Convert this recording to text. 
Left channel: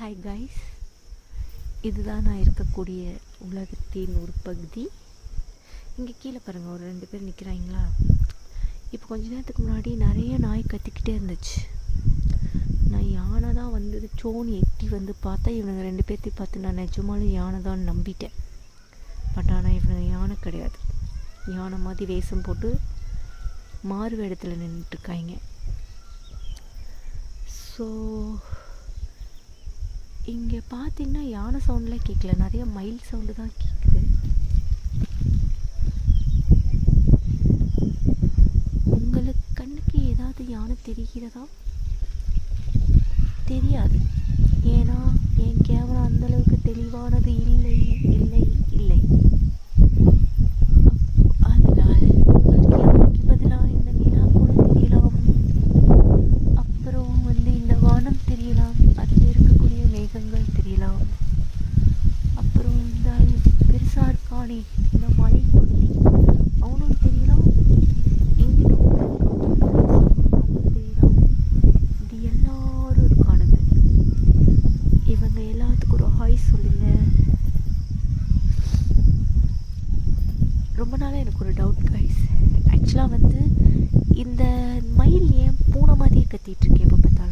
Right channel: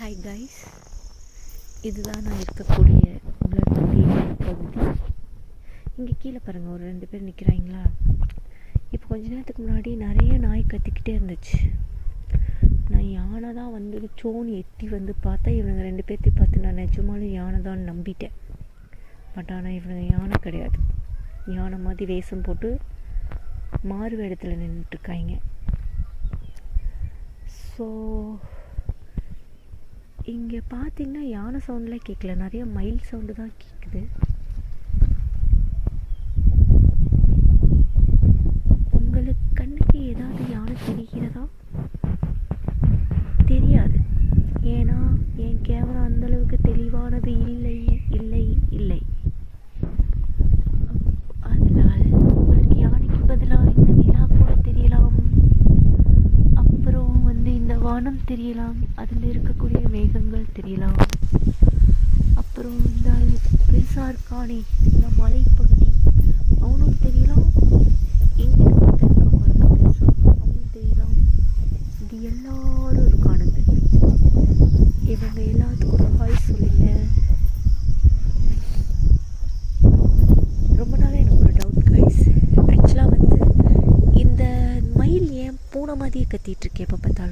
Hi guys, இதுதான் நான் இருக்கக்கூடிய உலகத்தின் ஒரு பகுதி. இங்கே கீழே பாருங்கள், ஒரு 2 பேர் நிற்கிறாங்களா. இப்போ கொஞ்ச நேரத்துக்கு முன்னாடி நிறைய நாய் கத்திக்கிட்டே இருந்துச்சு. நான் யானை தான் வந்துடுச்சோன்னு எட்டி வந்து பார்த்தா இவனுங்க 2 பேர்த்தையும் பார்த்து நான் நிஜமாலும் யானை தான் நம்பிட்டேன். பட் ஆனால் இவனுங்க யானை கிடையாது. யானை மாதிரி வேஷம் போட்டு மாறு வேடத்தில் நின்றுட்டுருக்காங்க. ஸோ இங்கே பார்த்தீங்கன்னா யானை சவுண்டெலாம் கேட்கல, நிறைய மயில் சவுண்டு தான் கேட்குது. உங்களுக்கு கண்ணுக்கு ஏதாவது யானை தெரிகிறதா? தெரியாது, ஏன்னா என் கேமரா அந்தளவுக்கு தெளிவானது இல்லை இல்லை இல்லை. அதனால் உங்களுக்கு யானைக்கு பதிலாக இந்த நிலா கூட தெரியலாம், அப்புறம் இந்த வானம் தெரியலாம், அதில் இருக்கக்கூடிய மேகங்கள் தெரியலாம், அப்புறம் இந்த பெருசாக இருக்கானே இந்த மலைப்பகுதி அவனும் தெரியலாம், இங்கிட்டும் அவனும் தெரியலாம். இது எல்லாரும் இருக்கானுங்க. இவங்க எல்லாத்துக்கும் ஒரு ஹாய் சொல்லுங்க. ரொம்ப நாளாக எனக்கு ஒரு டவுட் கைஸ். ஆக்சுவலாக இந்த மயில் ஏன் பூனை மாதிரியே கத்திட்டு இருக்கேன் எப்போ பார்த்தாலும்.